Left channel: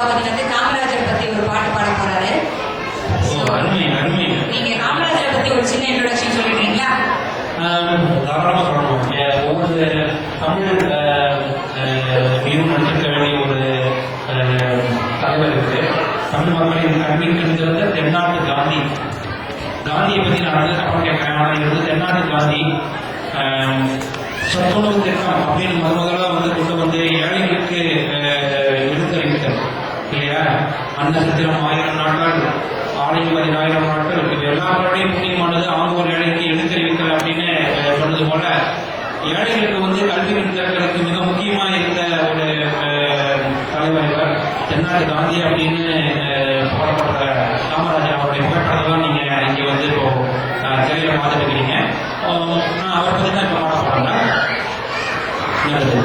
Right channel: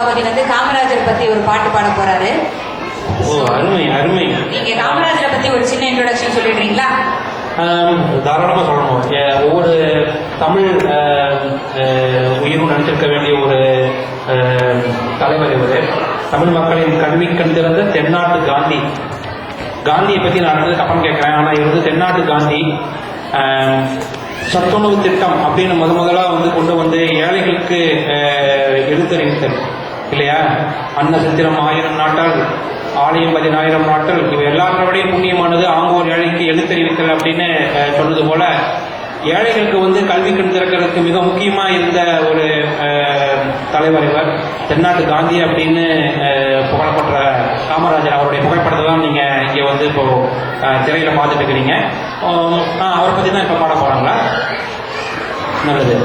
காமராஜர் பத்தி ஒரு பாட்டு பாட போறாரு. அருமை அருமை. நீங்க காமராஜரை பத்தி ஒரு சின்ன இன்ட்ரோடக்ஷன் சொல்லிடுறீங்களா? தாராளமாக சொல்லணும். ஒவ்வொரு தமிழ் நடிச்சிருக்க வேண்டிய ஒரு தலைவர் இவர். தமிழ் மக்களின் கல்வி கண்டிருந்த தென்னாட்டு காந்தி. காந்தியை பற்றி நான் வந்து தப்பம் கேட்கிறேன். ஆனால் இது தென்னாட்டு காந்தி சத்துணவு திட்டம் அப்படின்னு முதலாக வந்து கொண்டு வந்து ஏழைகளுக்கு எடுத்துரைத்தல் இல்லையா? அன்ன சித்திரம் 1000 நாட்டால் ஆலயம் 10000 நாட்கள், இவை எல்லாருடைய புண்ணியமானது ஆங்கோர் ஏழைக்கு எழுத்தறிவித்தல் அப்படின்னு சொன்னது போல ஏழைகளுக்கு வந்து கல்வி கண் திறக்கிறதுக்கு மிக முக்கியமாக இருந்த ஒரு தலைவர் இவர். தென்னாட்டு காந்தி அப்படின்னு புகழப்படுற காமராஜர் அவருடைய புகைப்படத்தை தான் நீங்கள் இங்கே வந்து இப்போ திரையில பார்த்துட்டு இருக்கிறீங்க. அவரை பற்றி தான் இப்போ பாட போகிறாங்க. நல்லது.